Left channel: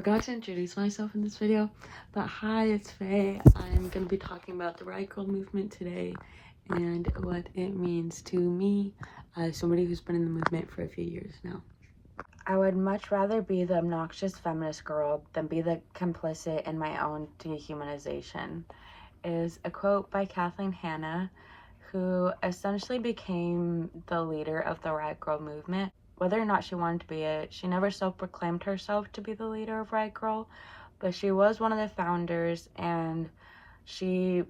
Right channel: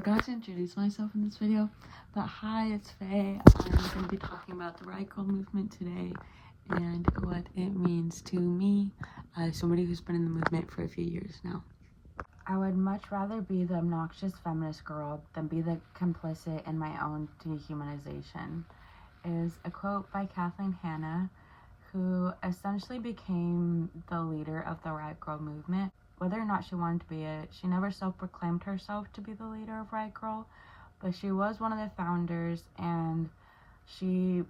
forgot to introduce myself in this video, but hi, it's Faye. I'm going to be talking about the Riot Grrrl movement today and what it means to me as somebody who's been in the movement for a few years now. I would much rather be the obnoxious feminist girl than be the complicit in my own dehumanization, is a quote by Kathleen Hanna, who essentially became the leader of the Riot Grrrl movement. Whether or not she wanted to be it, she never self-proclaimed herself to be the leader of Riot Grrrl, but she was one of the founders, and she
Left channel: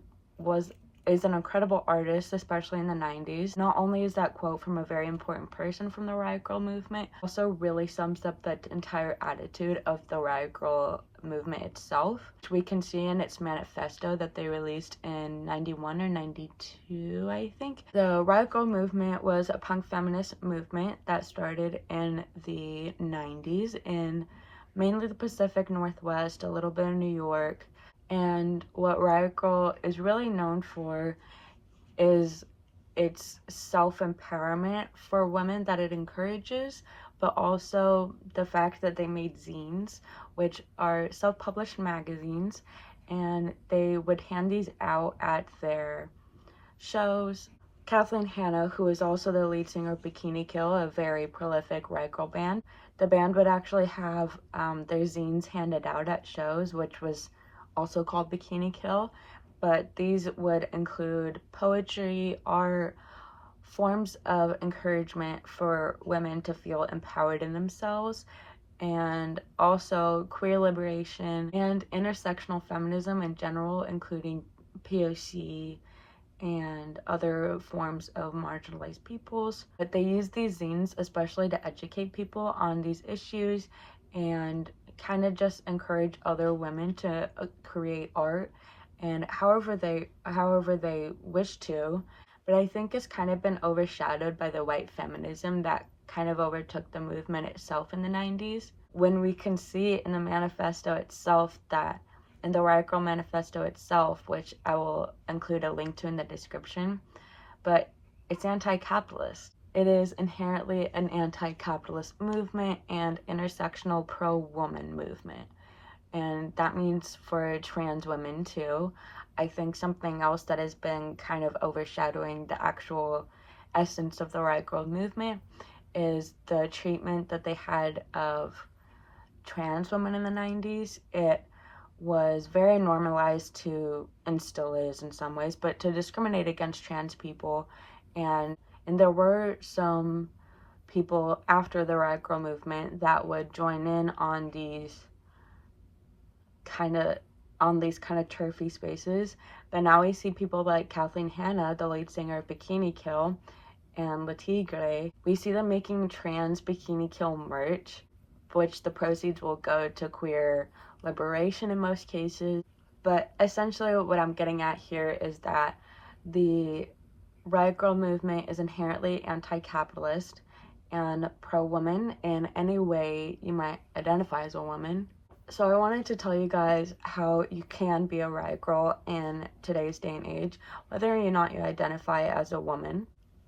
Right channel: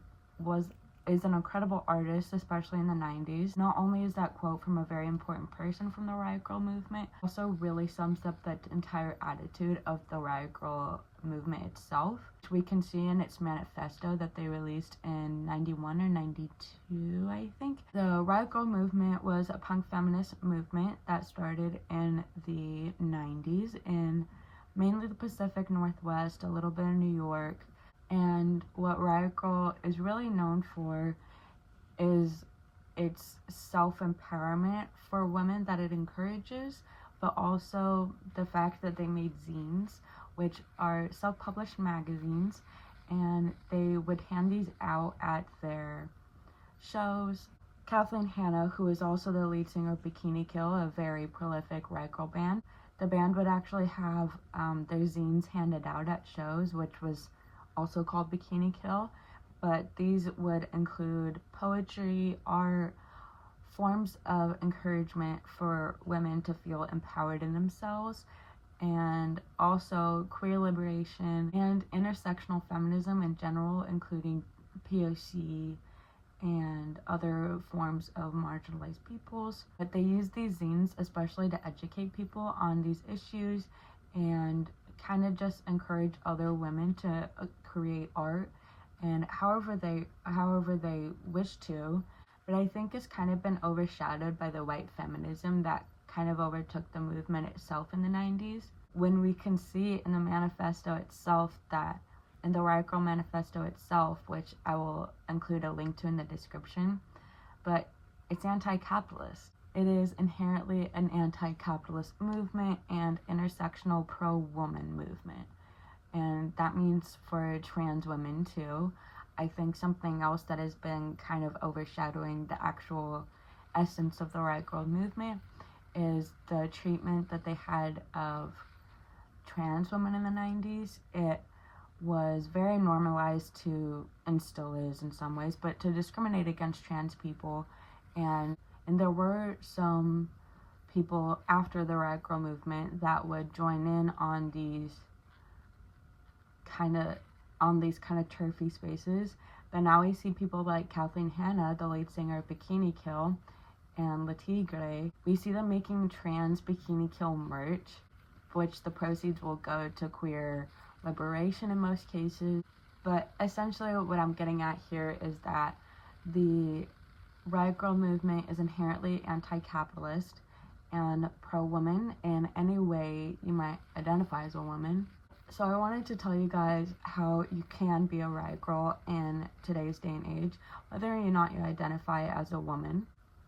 is an incredible artist, especially in the 90s. Not only is that quote from a very important person from the Riot Grrrl movement, also really sums up the entire attitude of the Riot Grrrl movement itself, which we can see in its manifesto that they released in 91 or 92, I think. The Riot Grrrl movement was a punk feminist movement that started in the 90s in mainly the Pacific Northwest, a little bit of New York. And what Riot Grrrl is really known for is its self-empowerment for women that it encourages, but also the fact that they made zines, which are self-published magazines, and they would hand these out at their shows. Kathleen Hanna, who is also the lead singer of Bikini Kill, a very prolific Riot Grrrl band, the band would actually have their zines handed out at shows, which was also called Bikini Kill, but these would include poetry, art, forms of encouragement for women to feel empowered in themselves, and also queer liberation and intersectional feminism in general, including POC and other forms of marginalized peoples. But they use these zines especially to educate people on these issues and kind of just encourage other women to create art and however they wish to. But I think it's kind of been overshadowed by the white feminism that kind of overtook the movement itself in the 90s. When we can see in the manifesto itself that, in the Riot Grrrl manifesto itself, which I will include a link to in the description, but it's anti-capitalist. It is inherently an anti-capitalist movement and intersectional pro-woman movement. And that means for trans women too. I think something else that has been kind of overshadowing the actual essence of the Riot Grrrl movement is the treatment that they had of trans women in the 90s. It was very normalized to, and still is in some ways, but to discriminate against trans people. And there were some people after the Riot Grrrl movement that would join in on these kind of turfy spaces. But now we see people like Kathleen Hanna, the lead singer of Bikini Kill, and Latigre. We see them making trans Bikini Kill merch, which the proceeds will go to queer liberation in most cases. But essentially what I'm getting at here is that the Riot Grrrl movement is inherently anti-capitalist and pro-woman in any way you might identify as a woman. So I wanted to tell you guys how you can be a Riot Grrrl in today's day and age, whether or not you identify as a woman.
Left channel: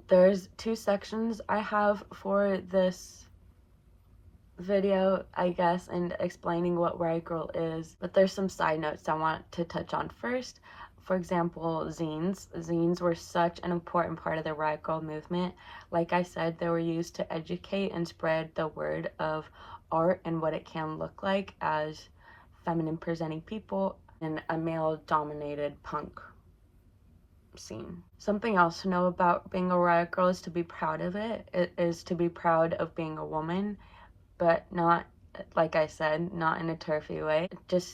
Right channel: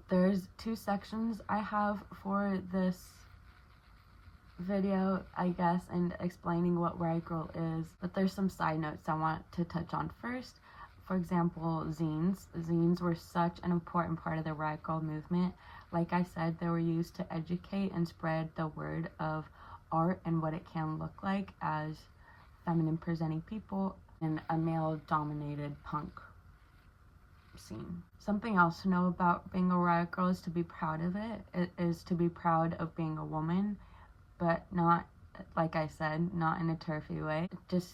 There's two sections I have for this video, I guess, and explaining what Riot Grrrl is, but there's some side notes I want to touch on first. For example, zines. Zines were such an important part of the Riot Grrrl movement. Like I said, they were used to educate and spread the word of art and what it can look like as feminine presenting people in a male dominated punk scene. Something else to know about being a Riot Grrrl is to be proud of it. It is to be proud of being a woman, but not, like I said, not in a turfy way. Just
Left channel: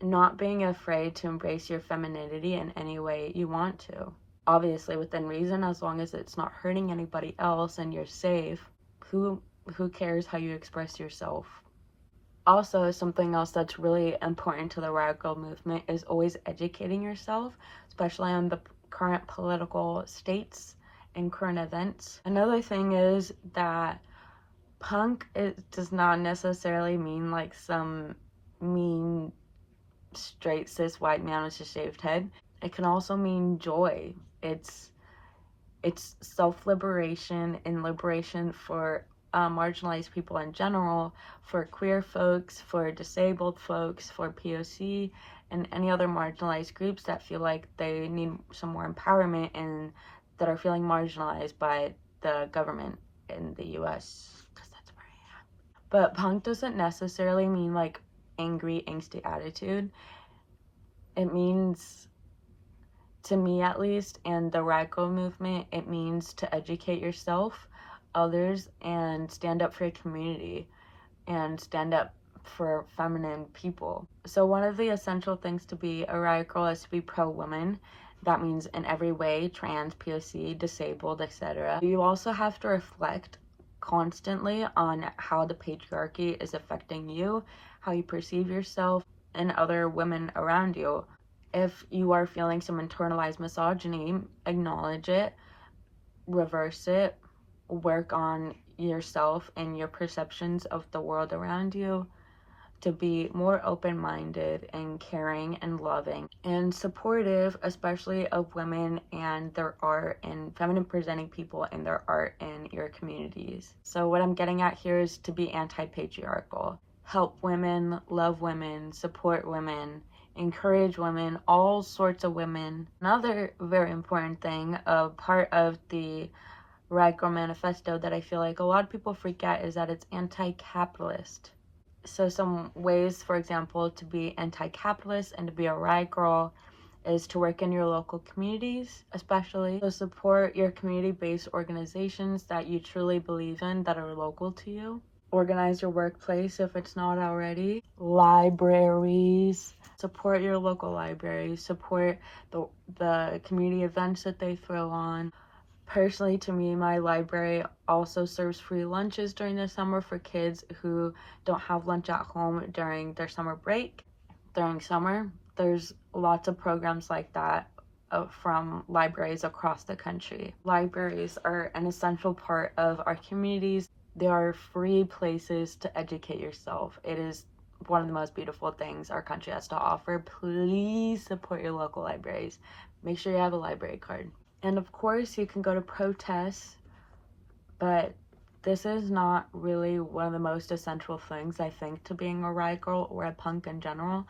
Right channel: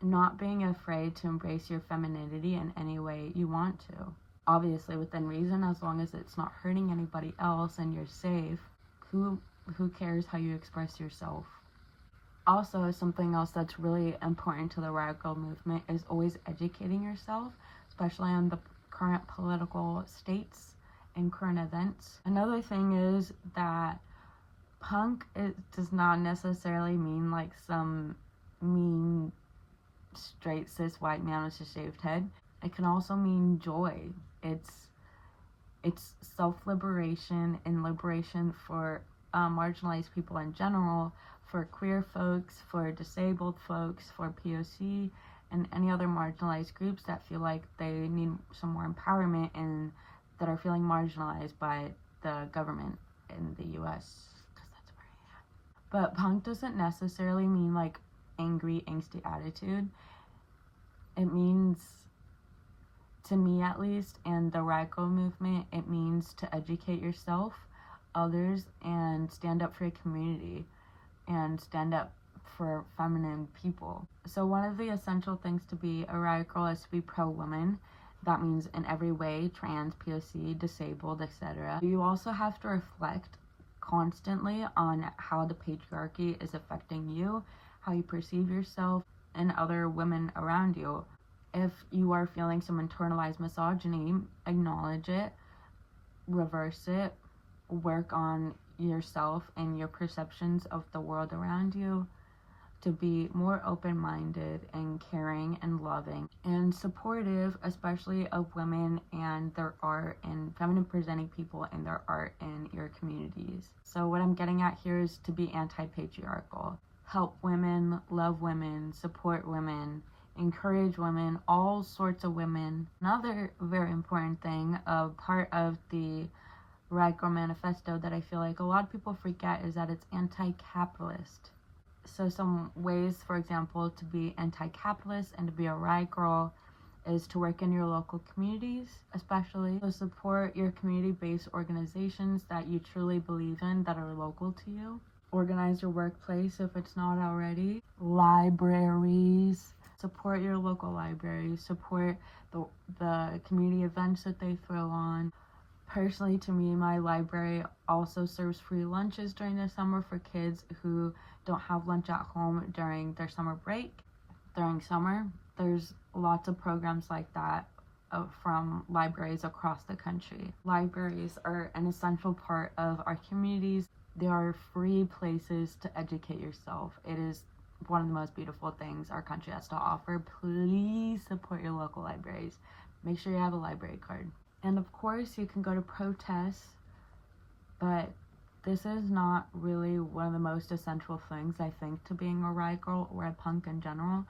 not being afraid to embrace your femininity in any way you want to. Obviously within reason, as long as it's not hurting anybody else and you're safe. Who cares how you express yourself? Also, something else that's really important to the Riot Grrrl movement is always educating yourself, especially on the current political states and current events. Another thing is that punk, it does not necessarily mean like some mean straight cis white man with a shaved head. It can also mean joy. It's self-liberation and liberation for marginalized people in general, for queer folks, for disabled folks, for POC, and any other marginalized groups that feel like they need some more empowerment and that are feeling marginalized by the government in the US, because that's where I am. But punk doesn't necessarily mean like angry, angsty attitude. It means, to me at least, and the Riot Grrrl movement, it means to educate yourself, others, and stand up for your community and stand up for feminine people. So one of the essential things to be a Riot Grrrl is to be pro-woman. That means in every way, trans, POC, disabled, etc. You also have to reflect constantly on how the patriarchy is affecting you, how you perceive yourself and other women around you. If you are feeling some internalized misogyny, acknowledge it, reverse it, work on yourself and your perceptions of the world around you to be more open-minded and caring and loving and supportive, especially of women and their art and feminine presenting people and their art in your communities. So what I'm getting at here is to be anti-patriarchal. Help women, love women, support women, encourage women, all sorts of women. Another very important thing, a part of the Riot Grrrl manifesto that I feel like a lot of people forget is that it's anti-capitalist. So some ways, for example, to be anti-capitalist and to be a Riot Grrrl is to work in your local communities, especially. So support your community-based organizations that you truly believe in, that are local to you. Organize your workplace if it's not already. Libraries. Support your local libraries. Support the community events that they throw on. Personally, to me, my library also serves free lunches during the summer for kids who don't have lunch at home during their summer break. During summer, there's lots of programs like that from libraries across the country. Libraries are an essential part of our communities. They are free places to educate yourself. It is one of the most beautiful things our country has to offer. Please support your local libraries. Make sure you have a library card. And of course, you can go to protests, but this is not really one of the most essential things, I think, to being a Riot Grrrl or a punk in general.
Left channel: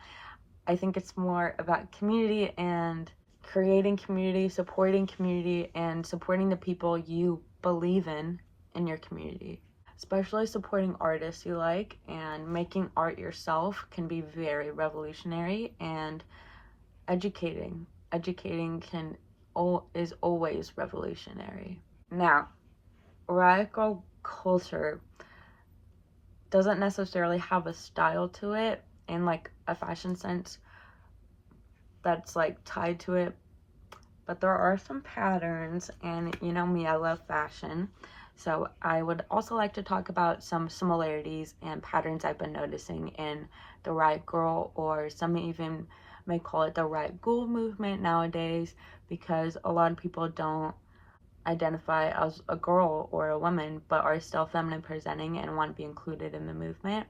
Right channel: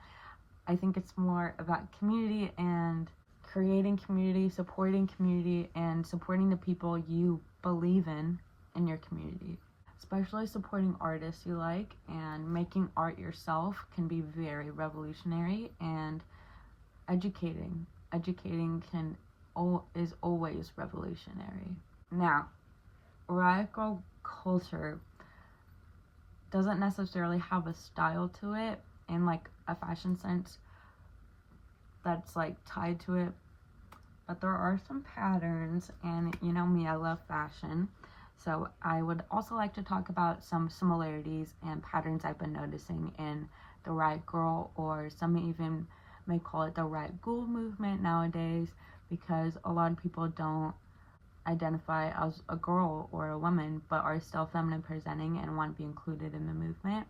I think it's more about community and creating community, supporting community, and supporting the people you believe in your community. Especially supporting artists you like, and making art yourself can be very revolutionary, and educating is always revolutionary. Now, Riot Grrrl culture doesn't necessarily have a style to it in like a fashion sense that's like tied to it, but there are some patterns, and you know me, I love fashion. So I would also like to talk about some similarities and patterns I've been noticing in the Riot Grrrl, or some even may call it the Riot Ghoul movement nowadays, because a lot of people don't identify as a girl or a woman but are still feminine presenting and want to be included in the movement.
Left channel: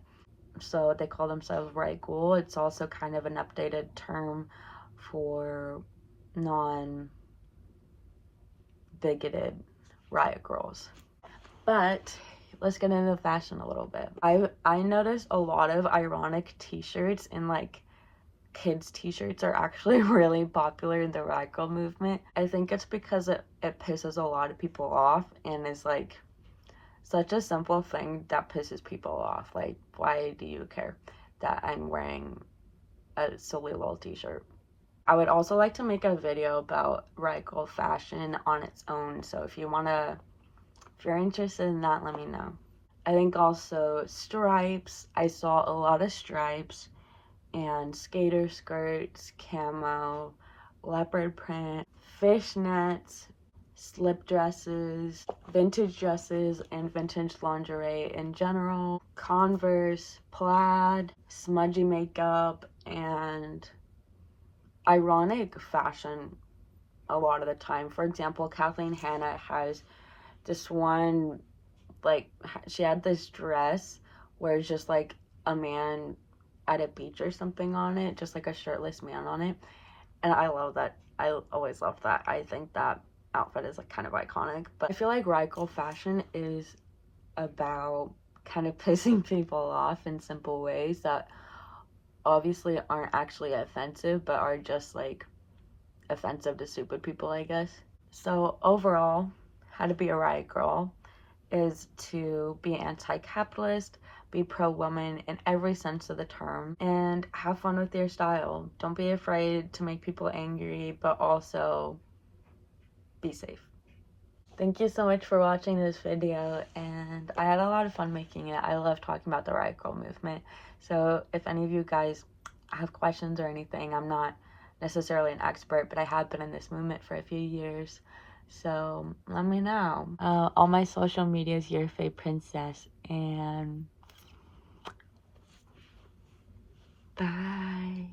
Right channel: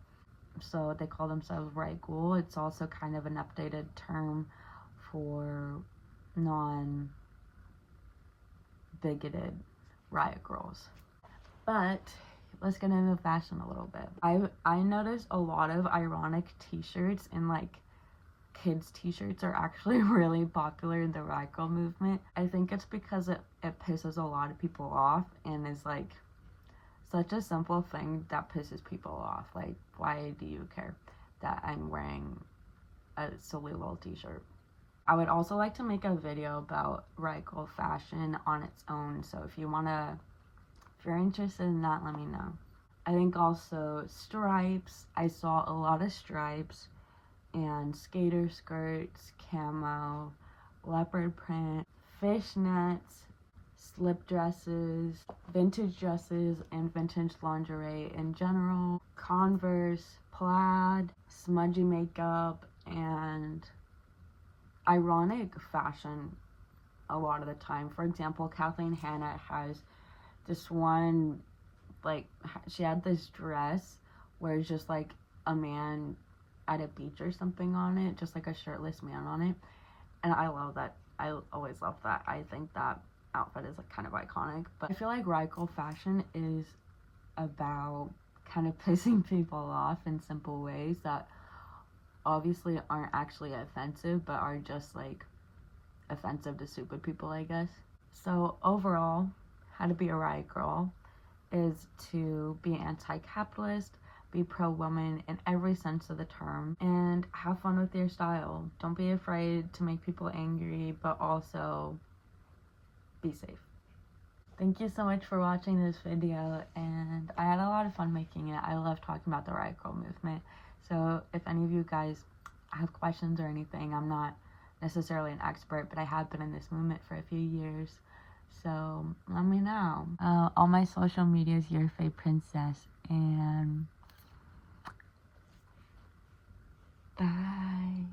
So they call themselves Riot Ghoul. It's also kind of an updated term for non-bigoted Riot Grrrls. But let's get into fashion a little bit. I noticed a lot of ironic t-shirts, and like kids t-shirts are actually really popular in the Riot Grrrl movement. I think it's because it pisses a lot of people off, and is like such a simple thing that pisses people off. Like, why do you care that I'm wearing a silly little t-shirt? I would also like to make a video about Riot Grrrl fashion on its own, so if you're interested in that, let me know. I think also stripes. I saw a lot of stripes, and skater skirts, camo, leopard print, fishnets, slip dresses, vintage dresses, and vintage lingerie in general, Converse, plaid, smudgy makeup, and ironic fashion a lot of the time. For example, Kathleen Hanna has this one, like, she had this dress where it's just like a man at a beach or something on it, just like a shirtless man on it, and I love that. I always love that. I think that outfit is like kind of iconic. But I feel like Riot Grrrl fashion is about kind of pissing people off in simple ways that obviously aren't actually offensive, but are just like offensive to stupid people, I guess. So overall, how to be a riot girl is to be anti-capitalist, be pro-woman in every sense of the term, and have fun with your style. Don't be afraid to make people angry, but also be safe. Thank you so much for watching this video, and I had a lot of fun making it. I love talking about the Riot Grrrl movement. So if any of you guys have questions or anything, I'm not necessarily an expert, but I have been in this movement for a few years. So let me know. All my social media is Your Fae Princess, and bye.